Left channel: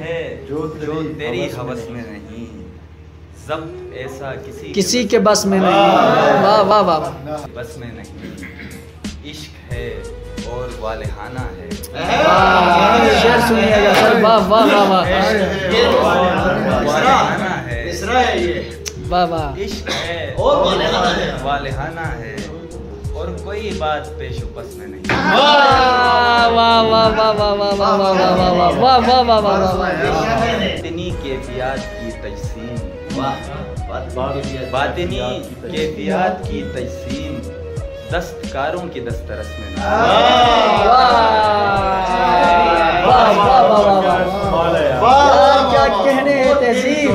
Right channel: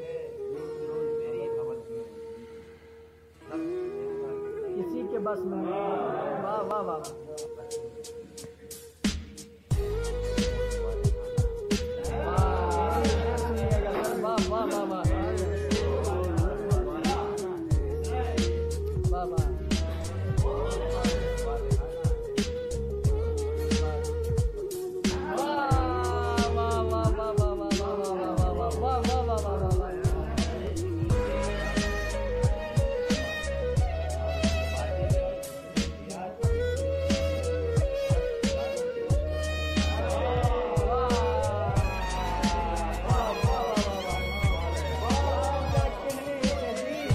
है जो तेरी हवस में नहीं, ज़ब्त ऐसा किसी के बस में नहीं। वाह वाह वाह बस में नहीं। इश्क है और वालिहाना है। शेर सुनिएगा सर। वाह वाह वाह वाह वालिहाना है। वाह वाह। इश्क है और वालिहाना है, और कोई बात पेशुपस में नहीं। वाह वाह वाह वाह वाह वाह वाह वाह वाह वाह वाह वाह वाह वाह वाह। बातिनी कैफियत की तजसीम, बातिनी कैफियत की तजसीम, दस्तकारों की दस्तरस में नहीं। वाह वाह वाह वाह वाह, क्या कहने हैं तहसीन।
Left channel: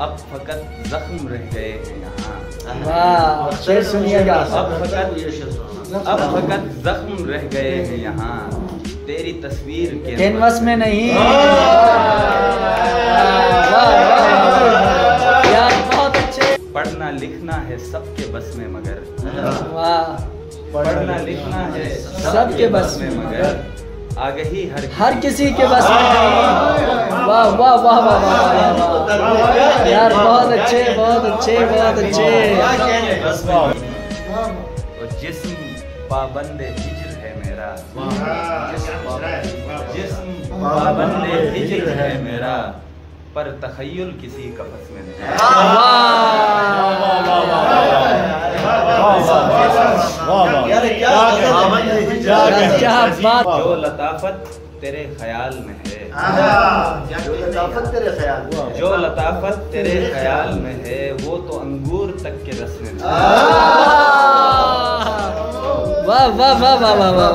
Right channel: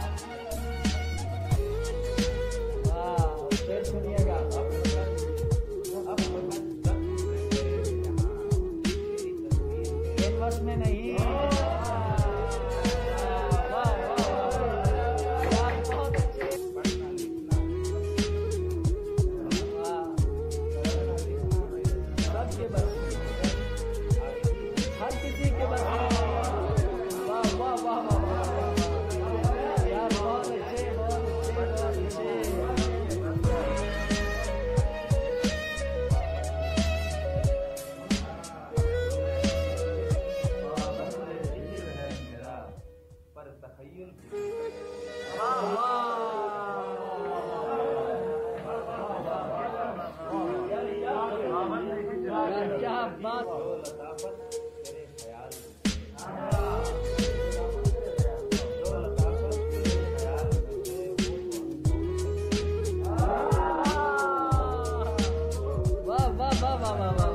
अब फकत जख्म रह गए हैं यहाँ। वाह शेर सुनिएगा। अब फकत जख्म रह गए हैं यहाँ, तेरी तस्वीर के कैनवस में नहीं। यार बहुत अच्छे। पढ़ना लिखना है सबके बस में मगर, वाह पढ़ना लिखना है सबके बस में मगर, आगही हर किसी के बस में नहीं। वाह वाह वाह वाह वाह यार बहुत अच्छे बहुत अच्छे बहुत अच्छे। जिस्म पाबंद हिज्र है मेरा, जिस्म पाबंद हिज्र है मेरा, पर तखय्युल किसी का बस में नहीं। क्या बात। जो लताफत तेरे ख्याल में है, जो लताफत तेरे ख्याल में है, वो तो अंगूर तक के रस में नहीं। वाह वाह वाह वाह वाह वाह।